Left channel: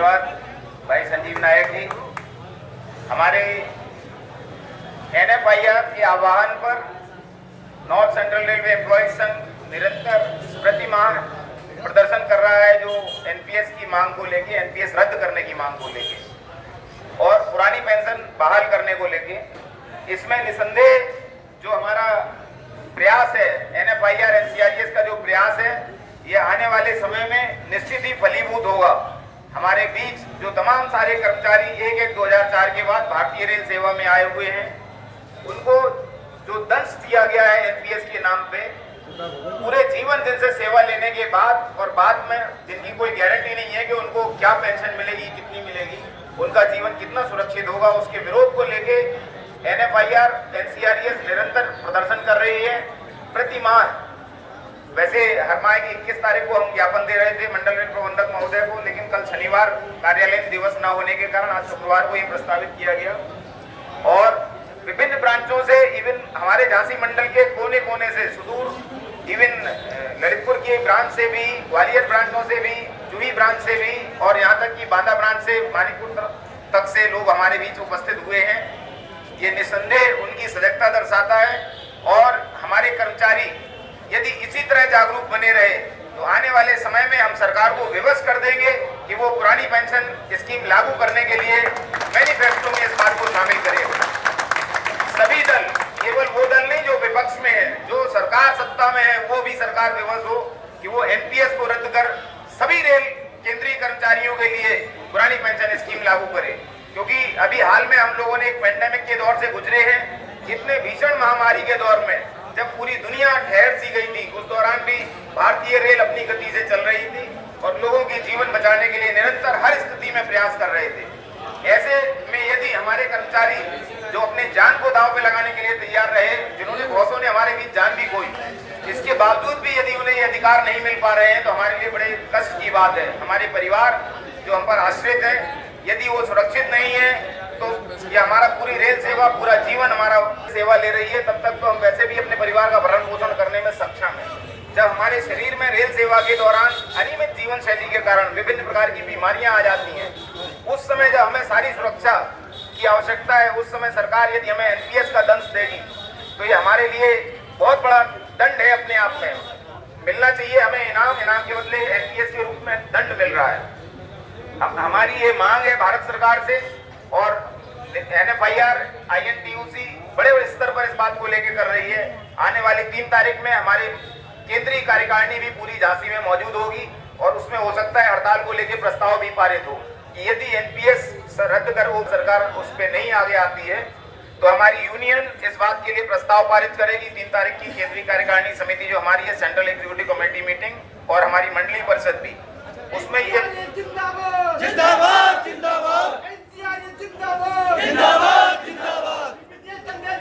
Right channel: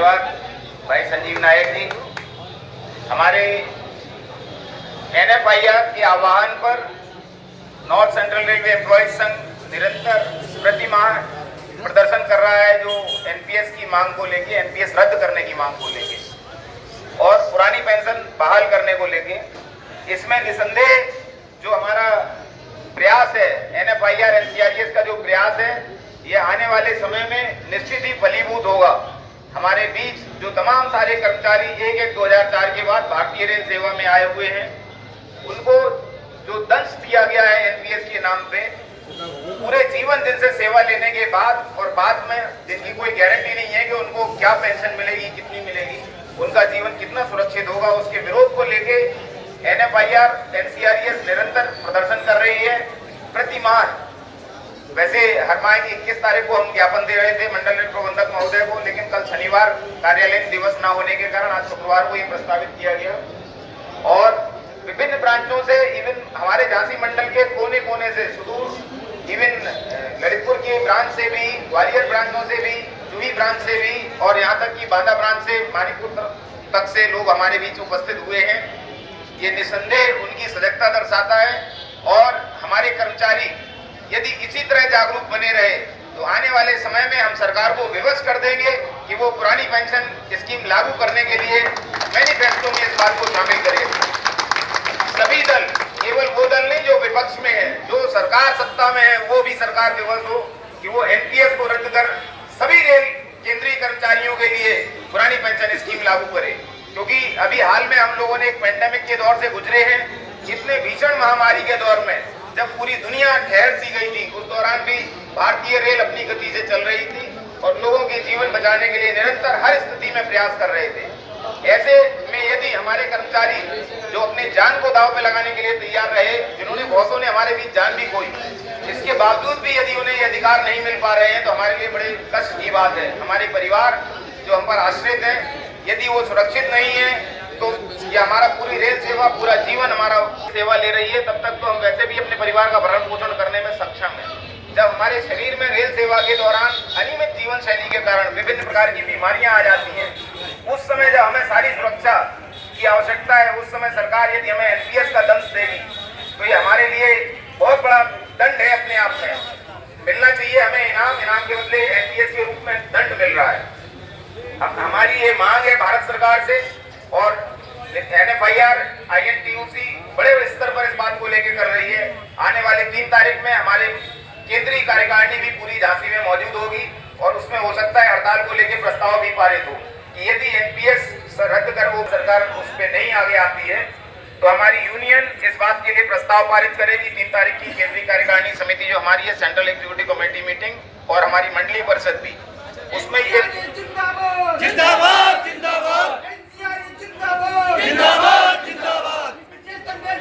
धन्यवाद भाई संजीव नायक जी। हमारे NFIR के आह्वान पर नॉर्थ सेंट्रल रेलवे एम्प्लॉयज संघ निरंतर प्रति माह प्रदर्शन कर रहा है, जो NPS की मांग को लेके, NPS रद्द करने की मांग को लेके और पुरानी पेंशन बहाल करने को लेके। इसमें निसंदेह जो हमारा प्रयास है, NFIR NCRTS का जो प्रयास है, ये आने वाले समय में निश्चित ही फलीभूत होगा। हमारे बीच जो तमाम सारे कर्मचारी 1/1/2004 के बाद भारतीय रेल सेवा में आए हुए हैं, उनको जो दंश दिया गया है NPS के नाम पे, पूरे जीवन जिनसे सेवा लेने के बाद और बाद में जिनकी कोई गारंटी नहीं है कि उनको क्या पेंशन मिलेगी, कितनी मिलेगी, उनका जीवन कितना सुरक्षित होगा, उसके विरोध को लेके NFIR NCRTS निरंतर प्रदर्शन कर रही है। प्रति माह, वैसे हर माह की 21 तारीख को हम ज्ञापन दे रहे थे मंडल रेल प्रबंधक महोदय को, लेकिन कल शनिवार कार्यालय दिवस न होने के कारण आज शुक्रवार को ये प्रस्तावित किया गया। और विभिन्न ब्रांचों से, इवन हमारे झांसी मंडल के कोने कोने से, सुदूर इवन ललितपुर की ब्रांच से भी, ग्वालियर ब्रांचों से भी, जुही ब्रांच से भी और यहाँ तक कि बांदा ब्रांच से मानीपुर तक से लोग हमारे बीच उपस्थित हुए हैं। ये निसंदेह उनकी सजगता दर्शाता है। और हमारे कर्मचारी यदि इसी तरह जागरूक बने रहे तो आने वाले समय में हम सरकार को विवश कर देंगे कि वो पुरानी पेंशन स्कीम लागू करने के लिए मैनिफेस्टो में इस बात को शामिल करेंगे। सभी दल, केवल वो दल नहीं जो विपक्ष में है, जो सरकार सत्ता में है, वो भी सरकार विवश हो कि वो NPS को रद्द कर सभी रेल केंद्रीय कर्मचारियों के लिए पुरानी पेंशन स्कीम लागू करे। क्योंकि अभी हाल में हम लोगों ने एक पेंडेमिक के दौर से गुजरे हैं, इतने भीषण महामारी के दौर में जब पूरी दुनिया ठहर सी गई थी, उस दौरान भी भारतीय रेल अपनी गति से चल रही थी और लोगों के जीवन बचाने के लिए निरंतर हर स्थिति में प्रयास कर रहे थे। ऐसे में यदि हमारे कर्मचारी जो अपने जान को दांव पे लगाने के लिए तैयार रहे, जिन्होंने बहुतों ने हमारे बीच जान भी खोई, इसके बावजूद भी यदि उन्हें ये अधिकार नहीं मिल पा रहे हैं तो हमारे लिए बड़े कष्ट की बात है। हमारे परिवार जो हम पर आश्रित है, यदि वो सुरक्षित नहीं है तो ये हमारा पूरी रेल सेवा, पूरा जीवन हमारा सेवा ले रही है, तब तक तो हम वैसे भी अपने परिवार का भरण पोषण करने में सक्षम है। जब हमारे शरीर में रेल सेवा के दौरान अनियमित जीवन शैली के कारण विभिन्न प्रकार की बीमारियां आ जाती हैं, उस समय जब हमें सारी सुरक्षा की आवश्यकता है, उस समय सरकार यदि हमें NPS का दंश देगी तो ये हमारे लिए बहुत बड़ा दंड है। अपने आप में मिलना चाहिए हमें इनाम के बदले NPS के रूप में दंड मिल रहा है। अब हमारी ये मांग है भारत सरकार से, और NFIR INTUC बड़े स्तर पर इस बात को लेकर कर रही है। आने वाले 3 तारीख में हमारे केंद्रीय कार्यकारिणी भी पूरी झांसी में मौजूद होगी और उसमें हो सकता है हड़ताल को लेकर प्रस्ताव भी पारित हो कि यदि NPS रद्द कर वो सरकार उस पर नहीं आगे आती है तो हमारी यूनियन इस बात के लिए प्रस्ताव पारित करेगी। 3 तारीख की केंद्रीय कार्यकारिणी समिति जो हमारी है, सेंट्रल एग्जीक्यूटिव कमेटी मीटिंग और हमारी मंडलीय परिषद भी, उसमें ये जिंदाबाद जिंदाबाद जिंदाबाद जिंदाबाद जिंदाबाद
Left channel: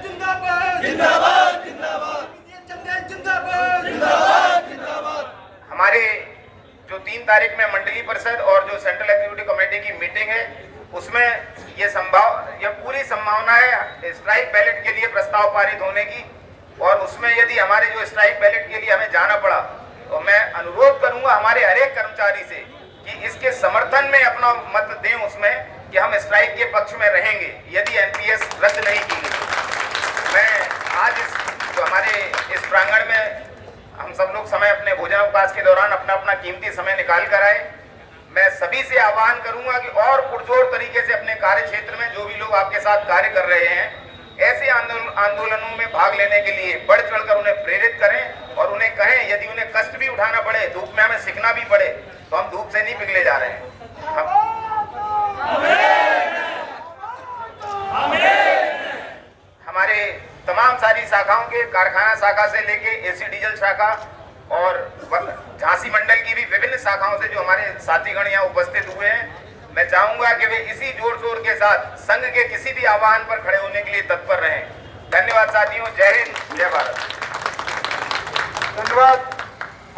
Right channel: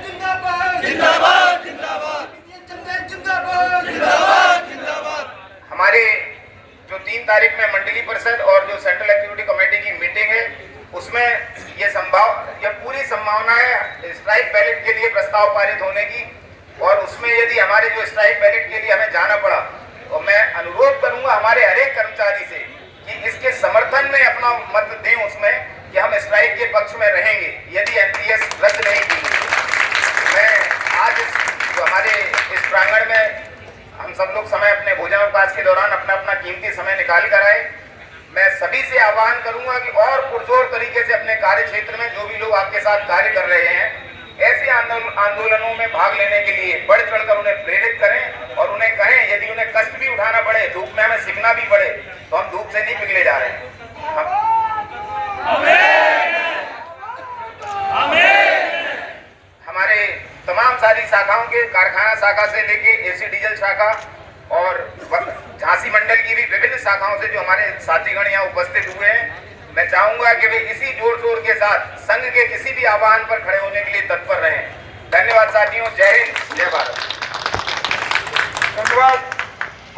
जिंदाबाद जिंदाबाद जिंदाबाद। हमारे जो 3 तारीख में मंडलीय परिषद और जो सेंट्रल एग्जीक्यूटिव कमेटी की मीटिंग है, उसमें ये पूरी संभावना है स्ट्राइक बैलेट के लिए प्रस्ताव पारित होने की। और उसमें यदि हमारे जो स्ट्राइक बैलेट के लिए हमें जाना पड़ा तो मैं अनुरोध करूंगा हमारे हर एक कर्मचारी से कि इसके समर्थन में अपना मत दें उसमें कि हम स्ट्राइक के पक्ष में रहेंगे यदि NPS रद्द नहीं की। मैं आज जो हमारे इस प्रांगण में हम सब लोग समय अपने भोजनावकाश के दौरान अपना अपना कीमती समय निकाल कर आए, मैं सभी से आह्वान करूंगा कि और पुरजोर तरीके से अपने कार्य क्षेत्र में जो भी लोग आपके साथ कार्य कर रहे हैं, ऐसे आंदोलनों में भाग लेने के लिए बढ़ चढ़कर उन्हें प्रेरित करें और उन्हें कहें यदि उन्हें कष्ट भी उठाना पड़े, धूप में हमें सीखना भी पड़े, तो हम धूप से नहीं पिघले जा रहे हैं। हमारे तमाम सारी शाखाओं के, कारखाना शाखा से लेके AC डीजल शाखा और झांसी मंडल की भी विभिन्न शाखाओं से जो हमारे साथीगण यहाँ उपस्थित हुए हैं, मैं चाहूंगा कि वे इसी जोर शोर के साथ संघ के किसी भी आह्वान पर खड़े होने के लिए तत्पर रहें। धन्यवाद साथियों, जय हिंद, जय भारत। धन्यवाद।